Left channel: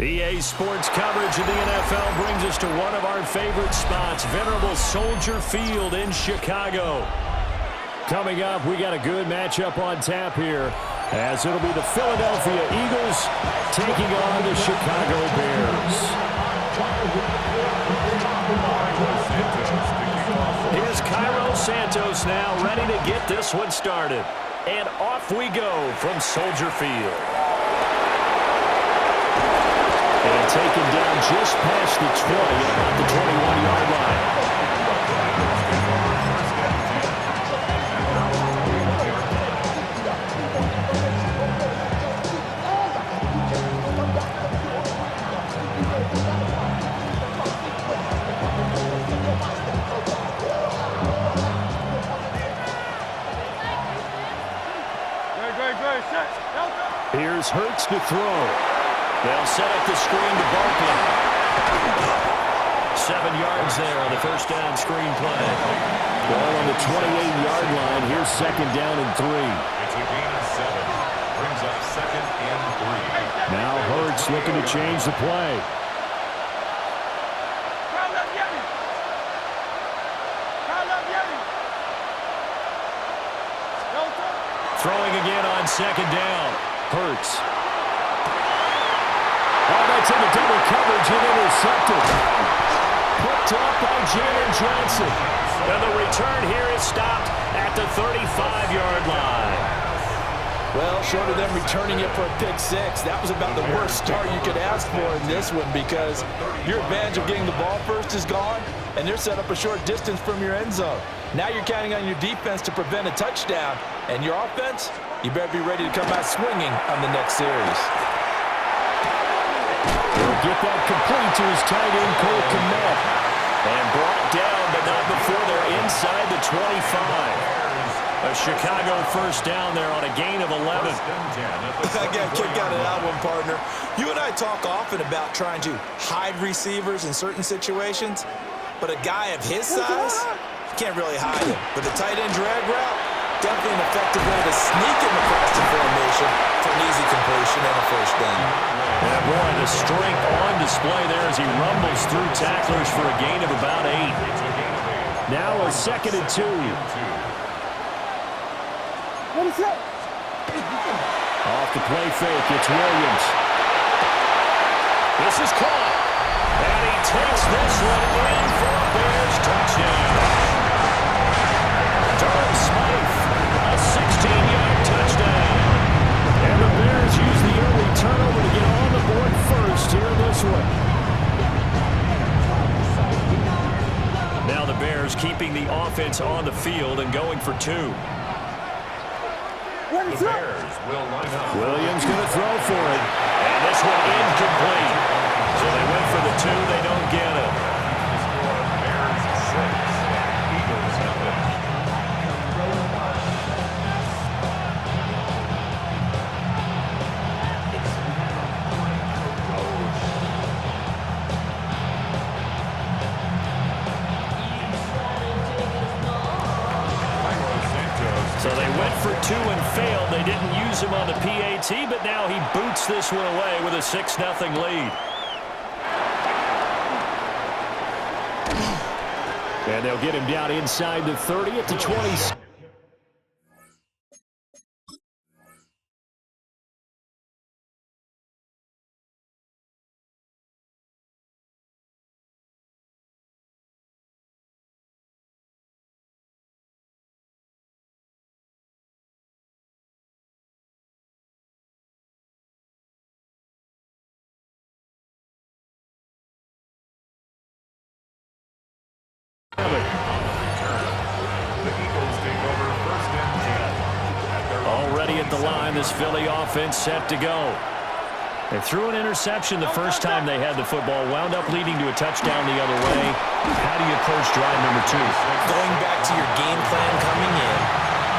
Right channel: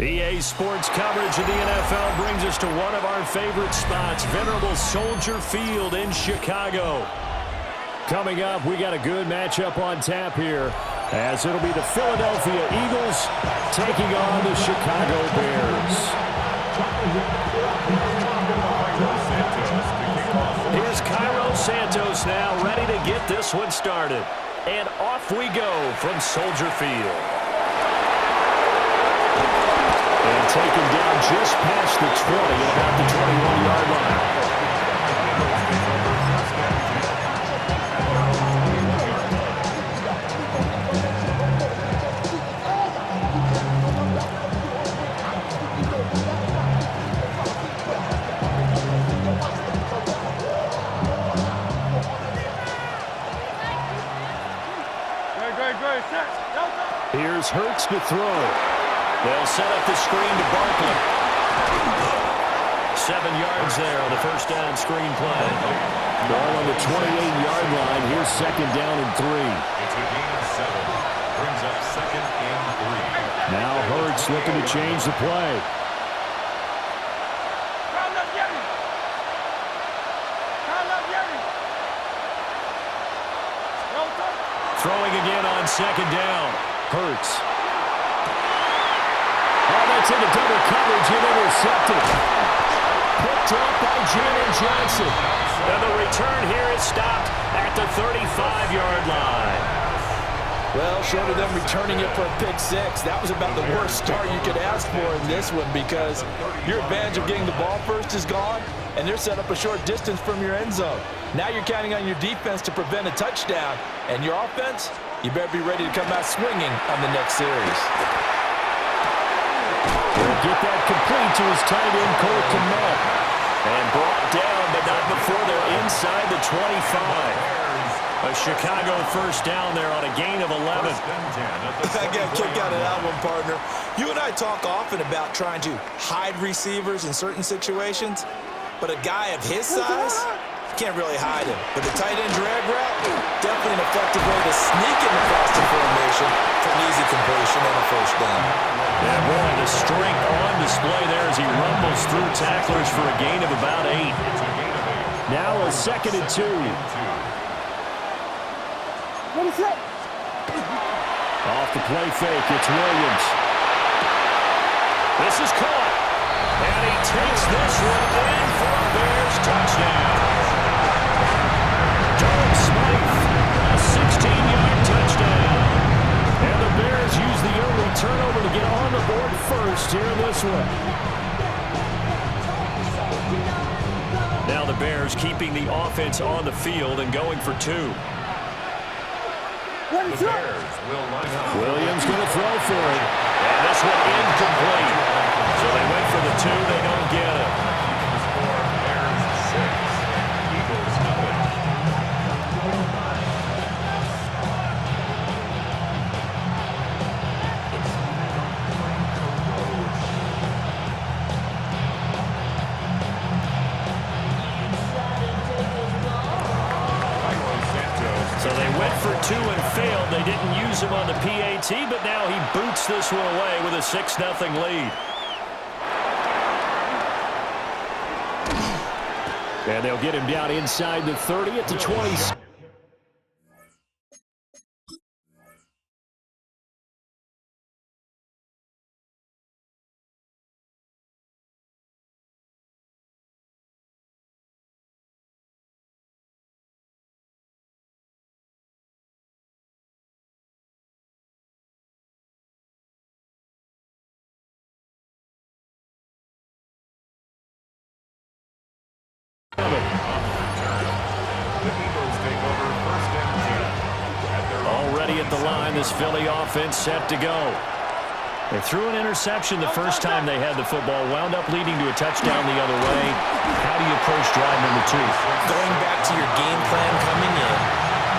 EA Sports coverage of the NFL brings us to one of our favorite spots, venerable Soldier Field in Chicago. Coming up, we got a good matchup on tap here, as it'll be the Philadelphia Eagles taking on the Chicago Bears. Here's Cairo Santos now, ready to get this one started. And off we go from Soldier Field. And taken down just past the 20 at about the 21-yard line. Here's Hurts to throw. They'll set up the screen to Barkley. 7 yards there on the first down screen play. Ball on the 28-yard line. Here's second down and 3. It's a gain of 7. Brings up second and 3. Now Hurts looking to change the play. Throwing again on second down. Hurts. Oh, that's into double coverage and intercepted. Picked up by Jalen Johnson. And the return here is stopped at the 35-yard line. Well, short of them returning it for a pick six, that was about the worst start you could ask for in this one, because your advantage of getting the ball first is gone, and they're set up a short distance from your end zone. Now you're counting on your defense to prevent a touchdown, and your offense, you better be ready to come out swinging on the next series. He'll get that complete to his tight end, Cole Kmet. And brought down, but not before they're inside the 25. A Chicago first down there on a gain of 11. I got a kick out of that one, partner. You and I talk often about trying to hide receivers in certain situations, but a guy of his size, can't really hide him. But the tight end drag route, definitely an effective way to sneak him across the formation for an easy completion and a first down. Yeah, boy, the strength on display there as he rumbles through tacklers for a gain of about 8. Now a second and 2. What is that? Off the play fake, it's Williams. This is caught. And he takes this one in for a Bears touchdown. Durham Smythe, a 16-yard touchdown. And the Bears use the early turnover to get on the board first here in this one. Now the Bears keeping the offense on the field and going for 2. The Bears will line up. Williams going to throw for it. And this one incomplete. So they went for the 2. They don't get it. Keeps the score, Bears 6, Eagles nothing. So they went for 2 and failed. They didn't use him on the PAT, but now he boots this one away with a 6-0 lead. And they'll get him down inside the 30 at the 20. Already at the line, this Philly offense set to go. They threw an interception the first time they had the football, wound up leading to a touchdown the other way. How do you approach drive number 2? Going back to your game plan coming in,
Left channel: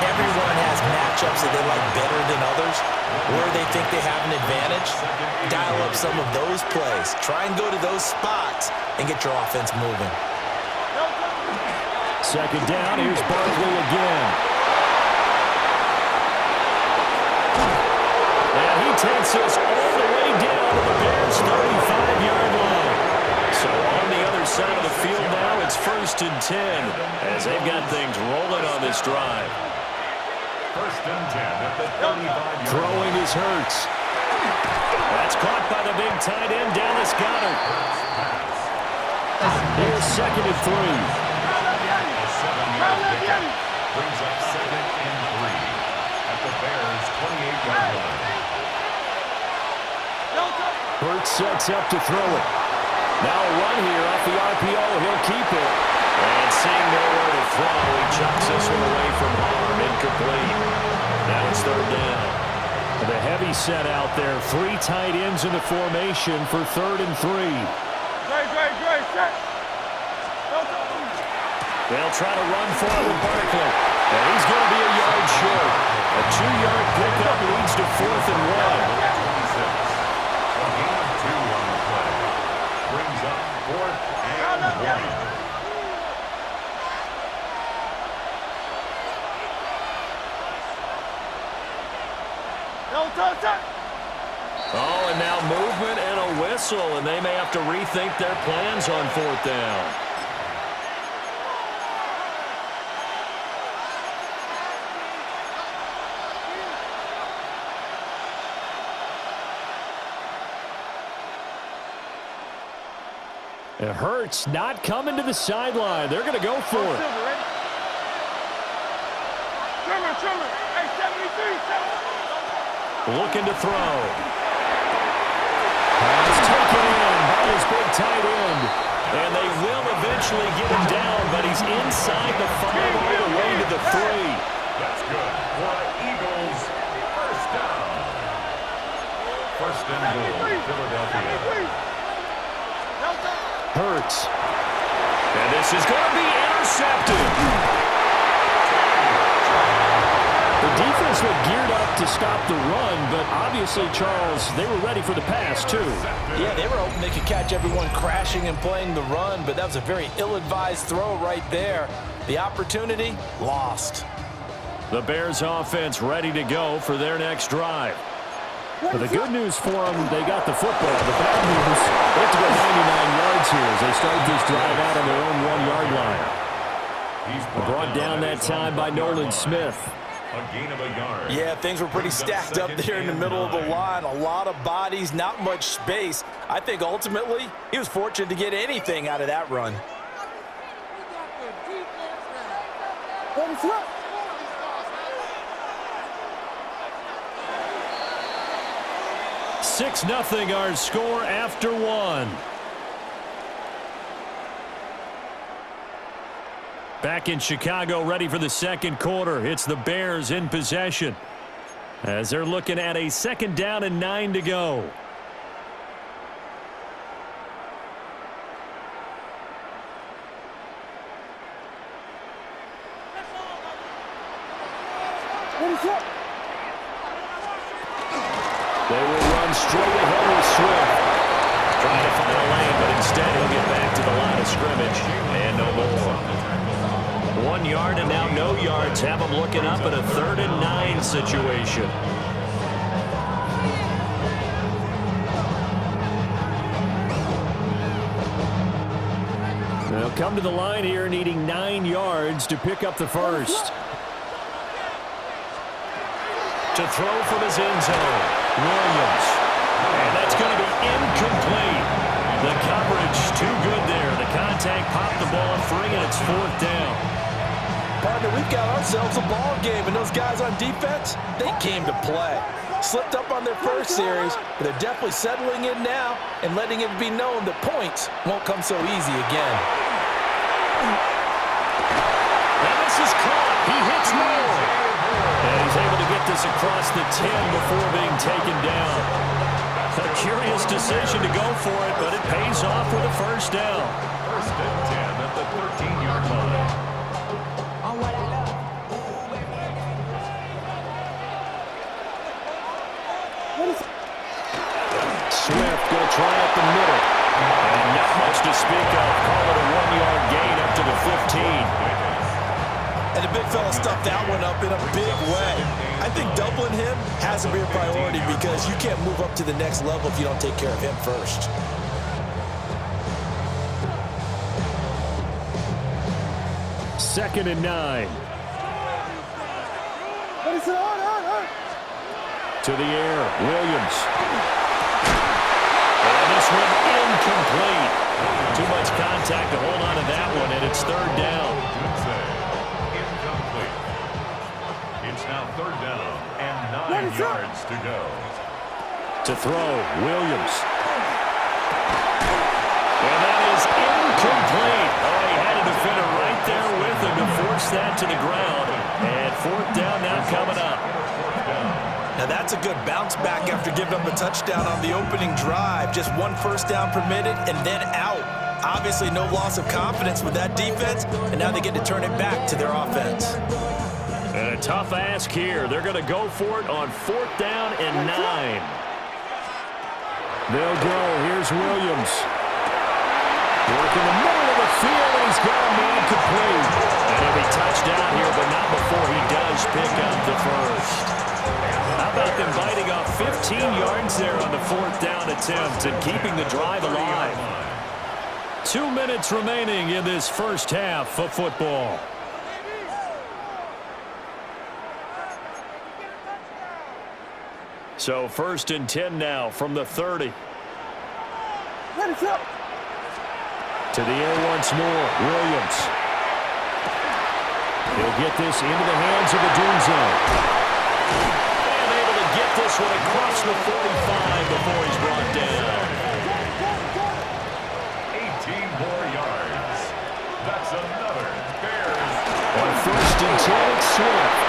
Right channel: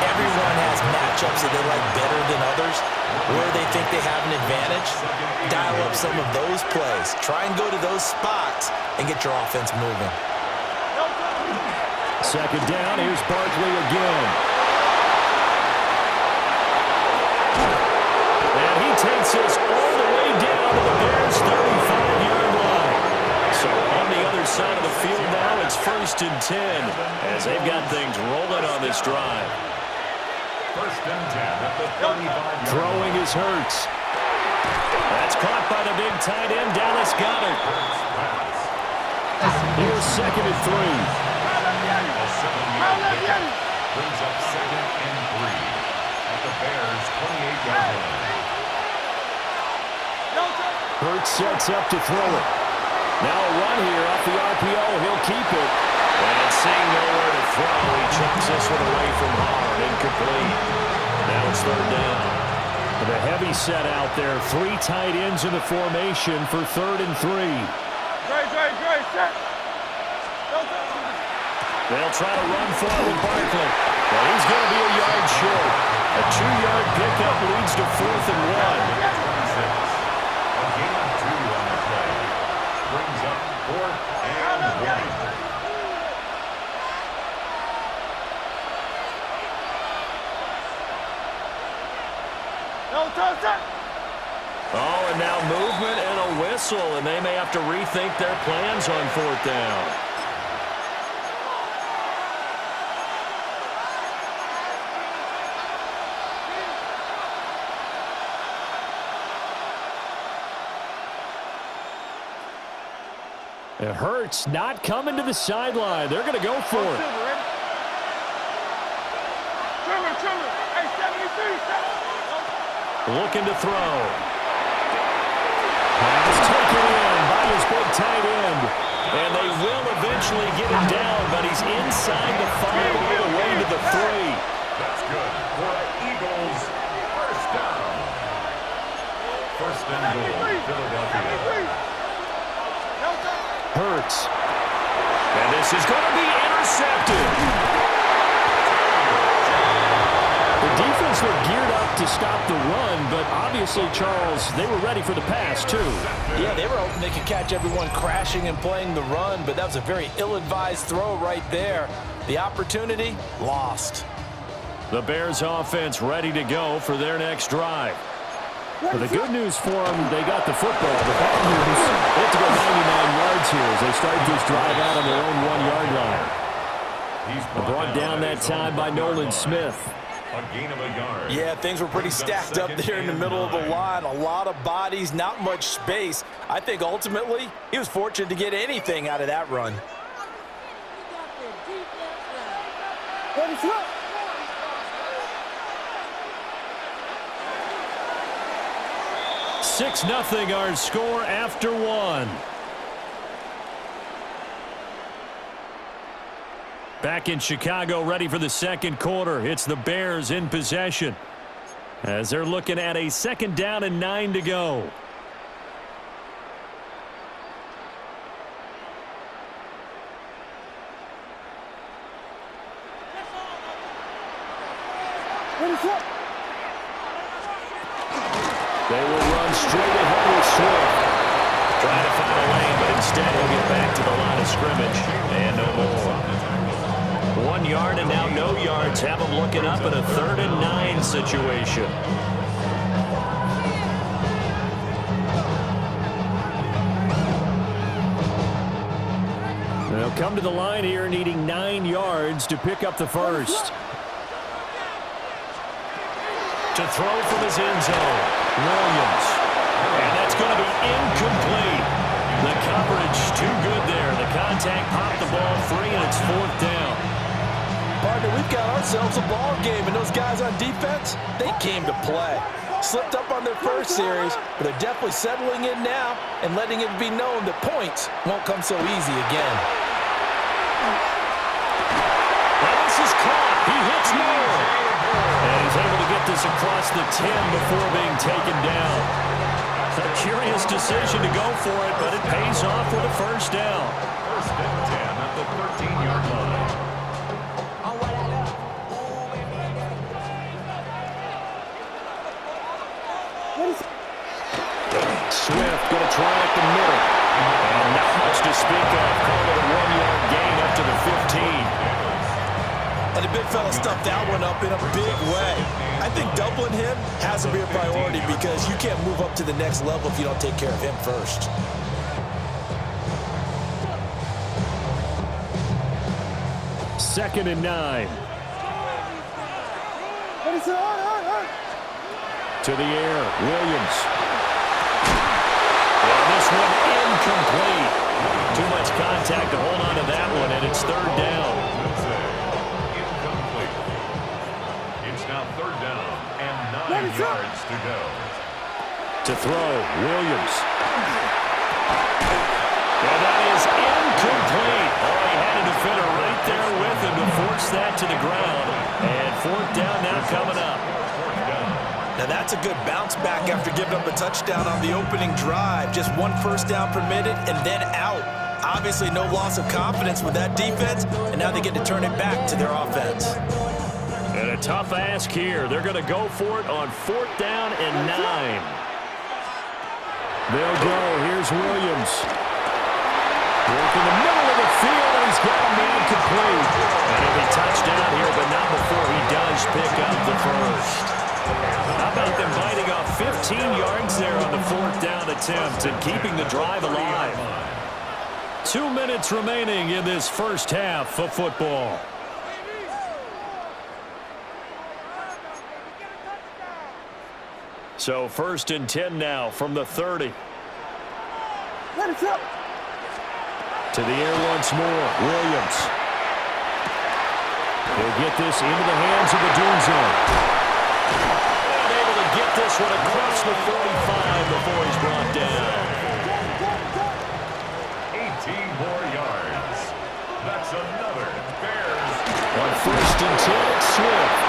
everyone has matchups that they like better than others, where they think they have an advantage. Dial up some of those plays. Try and go to those spots and get your offense moving. Second down, here's Barkley again. And he takes us all the way down to the Bears' his 35-yard line. So on the other side of the field now, it's 1st and 10 as they've got things rolling on this drive. 1st and 10 at the 35-yard line. Throwing is Hurts. That's caught by the big tight end, Dallas Goedert. Here's 2nd and 3. A 7-yard pickup brings up 2nd and 3 at the Bears' 28-yard line. Hurts sets up to throw it. Now a run here off the RPO. He'll keep it. And seeing nowhere to throw, he chucks this one away from harm. Incomplete. Now it's 3rd down. The heavy set out there. 3 tight ends in the formation for 3rd and 3. Great, set. They'll try to run for it with Barkley. And he's going to be a yard short. A 2-yard pickup leads to 4th and 1. 26. A gain of 2 on the play. Brings up 4th and 1. Oh, and now movement and a whistle, and they may have to rethink their plans on 4th down. It hurts not coming to the sideline. They're going to go for it. Trimmer. Hey, 73. Looking to throw. Pass taken in by his big tight end. And they will eventually get him down, but he's inside the 5 all the way to the 3. That's good for the Eagles. 1st down. 1st and goal, Philadelphia. Hurts. And this is going to be intercepted. The defense looked geared up to stop the run, but obviously, Charles, they were ready for the pass, too. Yeah, they were hoping they could catch everyone crashing and playing the run, but that was a very ill-advised throw right there. The opportunity, lost. The Bears offense ready to go for their next drive. But the good news for them, they got the football. The bad news, they have to go 99 yards here as they start this drive out on their own 1-yard line. He's Brought down that time by Nolan Smith. A gain of a yard. Yeah, things were pretty stacked up there in the middle of the line. A lot of bodies, not much space. I think ultimately he was fortunate to get anything out of that run. 6-0 our score after 1. Back in Chicago, ready for the 2nd quarter. It's the Bears in possession as they're looking at a 2nd down and 9 to go. They will run straight ahead with Swift. Trying to find a lane, but instead he'll get back to the line of scrimmage. And no more. 1 yard and now no yards. Have them looking up at a 3rd and 9 situation. They'll come to the line here needing 9 yards to pick up the first. To throw from his end zone, Williams. And that's going to be incomplete. The coverage too good there. The contact popped the ball free, and it's 4th down. Partner, we've got ourselves a ball game, and those guys on defense, they came to play. Slipped up on their first series, but they're definitely settling in now and letting it be known that points won't come so easy again. Now this is caught. He hits more. And he's able to get this across the 10 before being taken down. A curious decision to go for it, but it pays off with a 1st down. 1st and 10 at the 13-yard line. Swift going to try up the middle. And not much to speak of. Call it a 1-yard gain up to the 15. And the big fella stuffed that one up in a big way. I think doubling him has to be a priority because you can't move up to the next level if you don't take care of him first. Second and 9. To the air, Williams. And this one incomplete. Too much contact to hold on to that one, and it's third down. Incomplete. It's now third down and 9 yards to go. To throw, Williams. And that is incomplete. Oh, he had a defender right there with him to force that to the ground. And fourth down now coming up. Now that's a good bounce back after giving up a touchdown on the opening drive. Just one first down permitted and then out. Obviously no loss of confidence with that defense, and now they get to turn it back to their offense. And a tough ask here. They're going to go for it on fourth down and 9. They'll go. Here's Williams. Work in the middle of the field, and he's got a man complete. And he'll be touchdown here, but not before he does pick up the first. How about them biting off 15 yards there on the fourth down attempt and keeping the drive alive? 2 minutes remaining in this first half of football. So first and 10 now from the 30. To the air once more, Williams. He'll get this into the hands of the Doom Zone. And able to get this one across the 45 before he's brought down. 18 more yards. That's another Bears. On first and 10, it's Swift.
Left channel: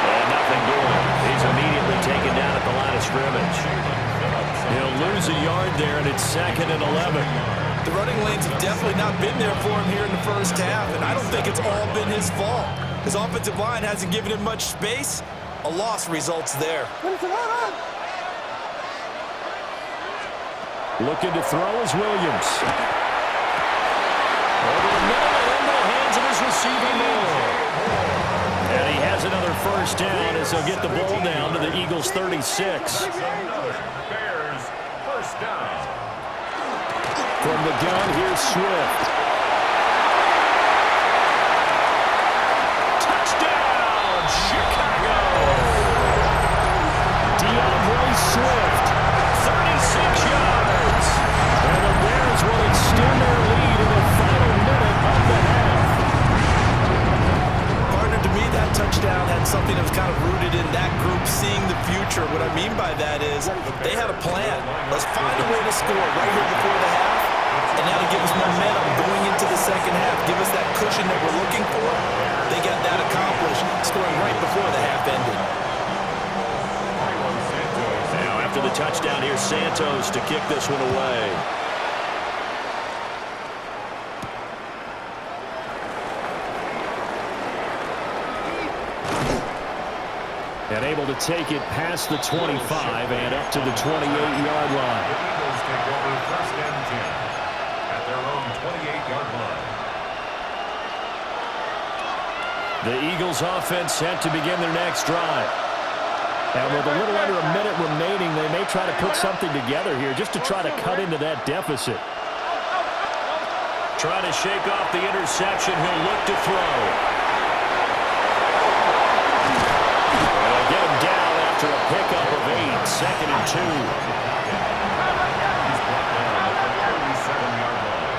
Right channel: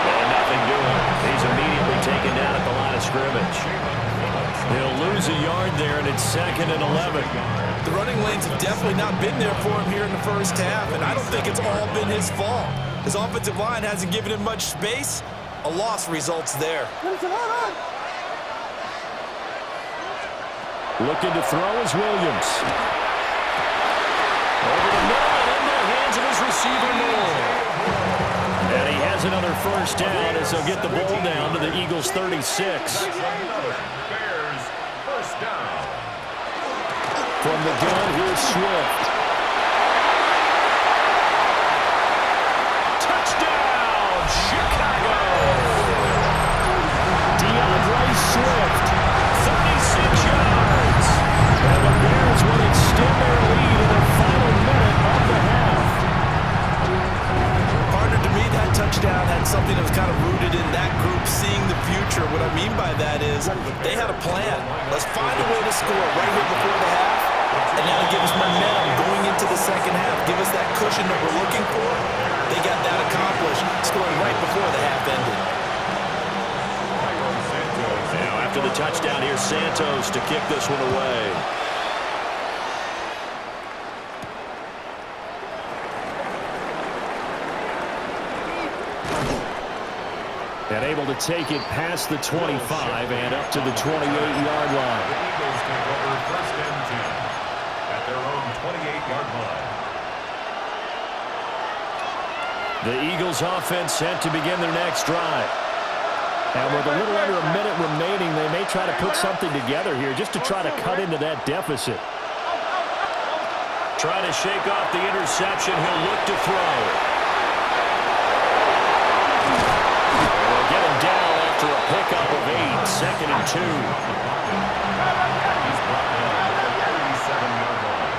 And nothing doing. He's immediately taken down at the line of scrimmage. He'll lose a yard there, and it's second and 11. The running lanes have definitely not been there for him here in the first half, and I don't think it's all been his fault. His offensive line hasn't given him much space. A loss results there. Looking to throw is Williams. Over the middle and into the hands of his receiver, Moore. And he has another first down as he'll get the ball down to the Eagles' 36. Another Bears first down. From the gun, here's Swift. Touchdown, Chicago! DeAndre Swift, 36 yards. And the Bears will extend their lead in the final minute of the half. Partner, to me, that touchdown had something that was kind of rooted in that group seeing the future. What I mean by that is they had a plan. Let's find a way to score right here before the half. And now to give us momentum going into the second half. Give us that cushion that we're looking for. They got that accomplished, scoring right before the half ended. Now after the touchdown, here's Santos to kick this one away. And able to take it past the 25 and up to the 28-yard line. The Eagles take over first and 10 at their own 28-yard line. The Eagles offense set to begin their next drive. And with a little under a minute remaining, they may try to put something together here just to try to cut into that deficit. Try to shake off the interception. He'll look to throw. Get him down after a pickup of 8, second and 2. He's brought down at the 37-yard line.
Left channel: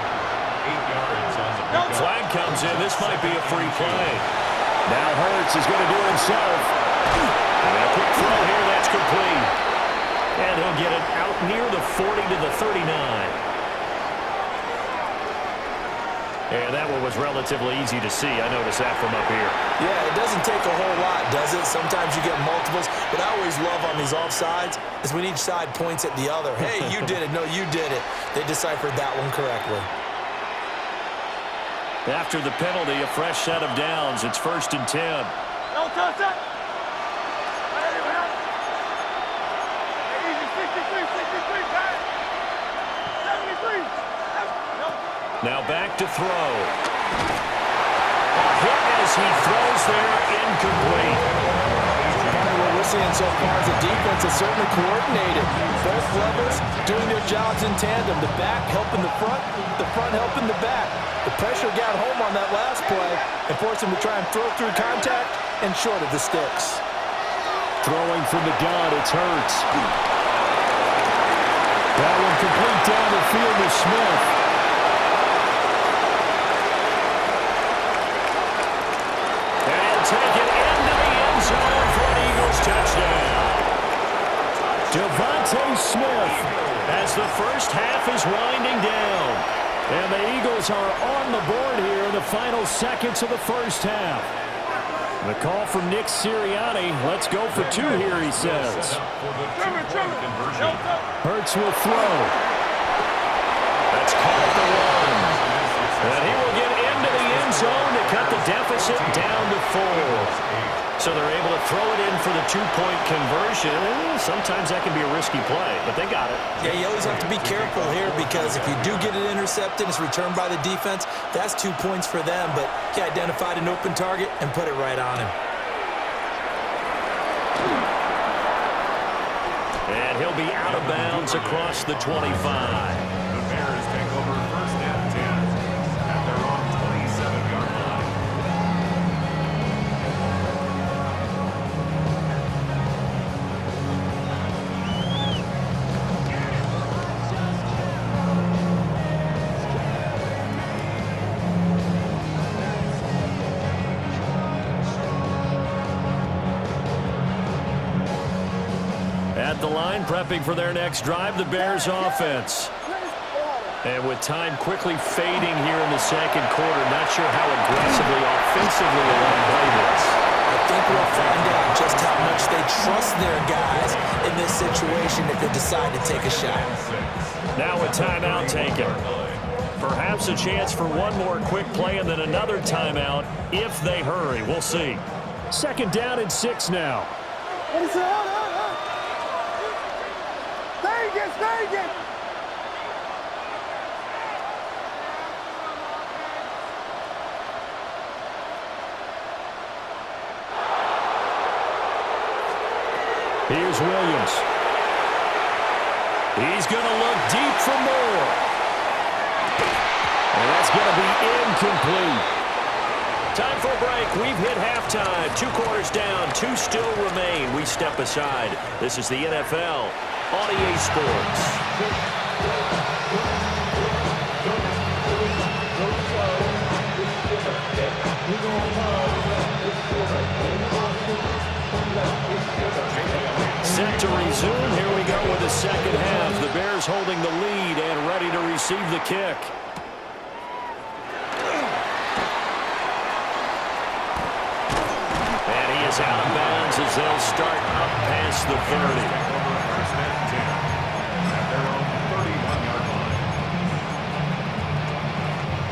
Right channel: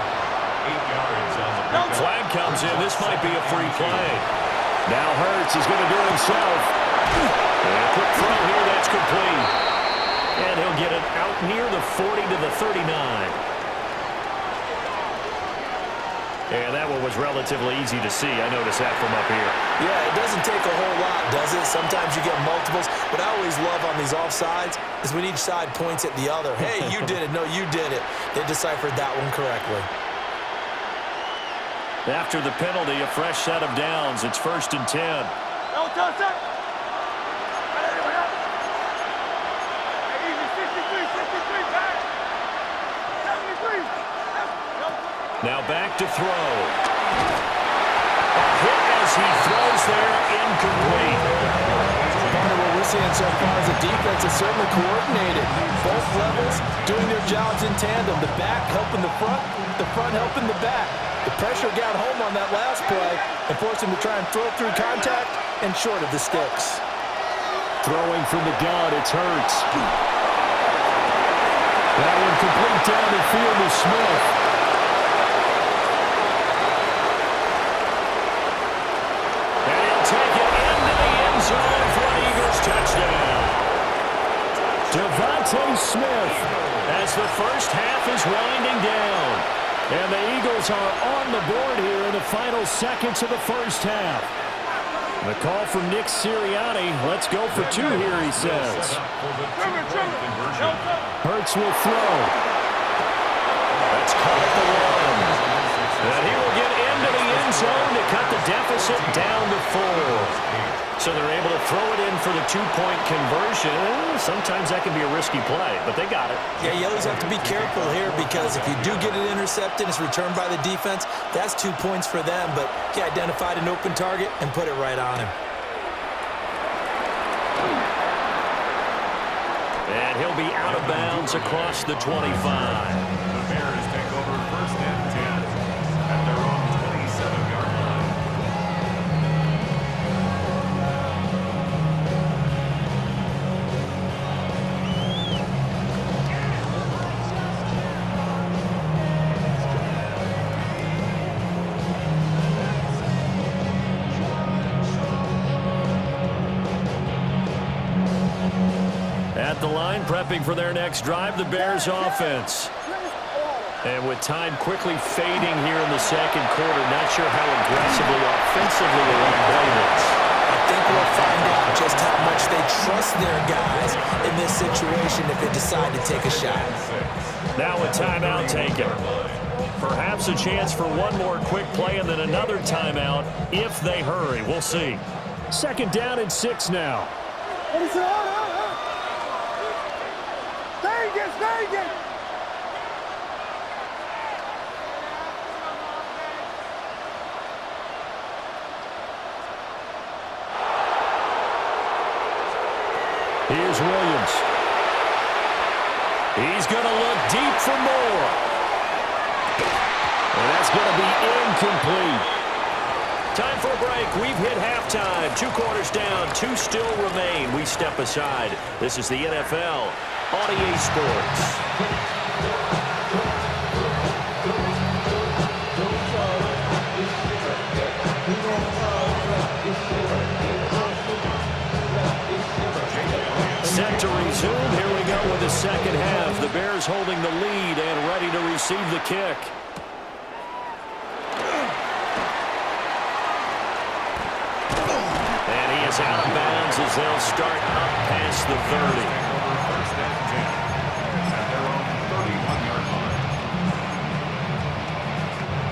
8 yards on the pickup. Flag comes in. This might be a free play. Now Hurts is going to do it himself. And a quick throw here. That's complete. And he'll get it out near the 40 to the 39. And that one was relatively easy to see. I noticed that from up here. Yeah, it doesn't take a whole lot, does it? Sometimes you get multiples. What I always love on these offsides is when each side points at the other. Hey, you did it. No, you did it. They deciphered that one correctly. After the penalty, a fresh set of downs. It's first and 10. No touch it. Easy, 63, back. 73. Now back to throw. A hit as he throws there, incomplete. Part of what we're seeing so far is the defense is certainly coordinated. Both levels doing their jobs in tandem. The back helping the front helping the back. The pressure got home on that last play and forced him to try and throw through contact and short of the sticks. Throwing from the gun, it's Hurts. That one complete down the field to Smith. And he'll take it into the end zone for an Eagles touchdown. Devontae Smith as the first half is winding down. And the Eagles are on the board here in the final seconds of the first half. The call from Nick Sirianni. Let's go for two here, he says. Hurts will throw. That's caught at the one. And he will get into the end zone to cut the deficit down to 4. So they're able to throw it in for the two-point conversion. Sometimes that can be a risky play, but they got it. Yeah, you always have to be careful here because if you do get it intercepted, it's returned by the defense. That's 2 points for them, but he identified an open target and put it right on him. And he'll be out of bounds across the 25. The Bears take over first and 10 at their own 27-yard line. At the line, prepping for their next drive, the Bears offense. And with time quickly fading here in the second quarter, not sure how aggressively, offensively they want to play this. I think we'll find out just how much they trust their guys in this situation if they decide to take a shot. Now a timeout taken. Perhaps a chance for one more quick play and then another timeout if they hurry. We'll see. Second down and 6 now. Stay again. Here's Williams. He's going to look deep for more. And that's going to be incomplete. Time for a break. We've hit halftime. 2 quarters down. 2 still remain. We step aside. This is the NFL on EA Sports. Set to resume. Here we go with the second half. The Bears holding the lead and ready to receive the kick. And he is out of bounds as they'll start up past the 30. First and 10 at their own 31-yard line.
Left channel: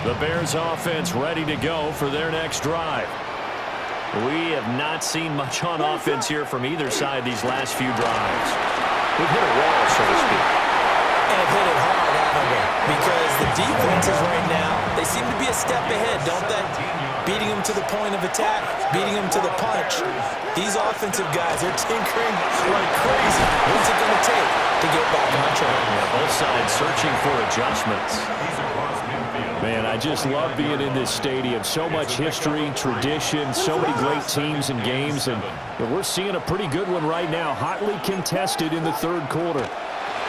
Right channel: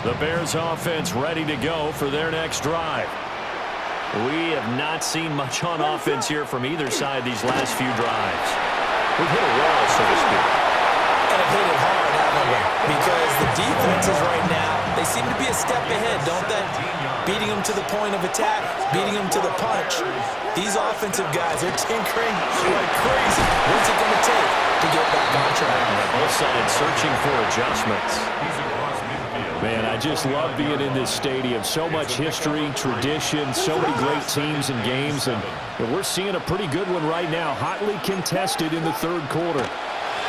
The Bears offense ready to go for their next drive. We have not seen much on offense here from either side these last few drives. We've hit a wall, so to speak. And have hit it hard, haven't we? Because the defenses right now, they seem to be a step ahead, don't they? Beating them to the point of attack, beating them to the punch. These offensive guys, they're tinkering like crazy. What's it going to take to get back on track? Yeah, both sides searching for adjustments. He's across midfield. Man, I just love being in this stadium. So much history, tradition, so many great teams and games, and we're seeing a pretty good one right now. Hotly contested in the third quarter.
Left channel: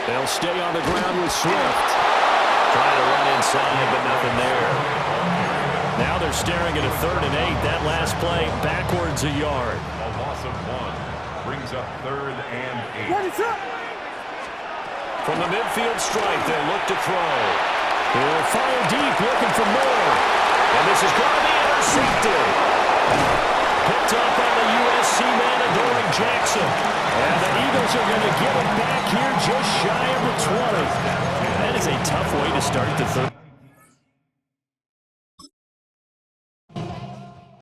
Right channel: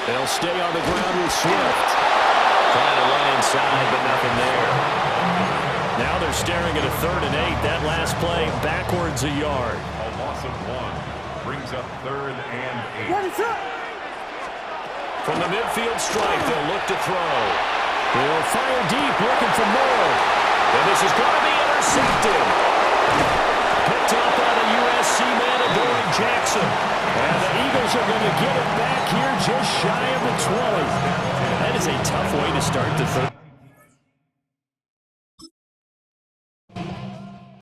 They'll stay on the ground with Swift. Trying to run inside, but nothing there. Now they're staring at a 3rd and 8. That last play backwards a yard. A loss of 1 brings up 3rd and 8. From the midfield stripe, they'll look to throw. They'll fire deep, looking for more. And this is going to be intercepted. Picked off by the USC man, Adoree Jackson. And the Eagles are going to get it back here just shy of the 20. That is a tough way to start the third.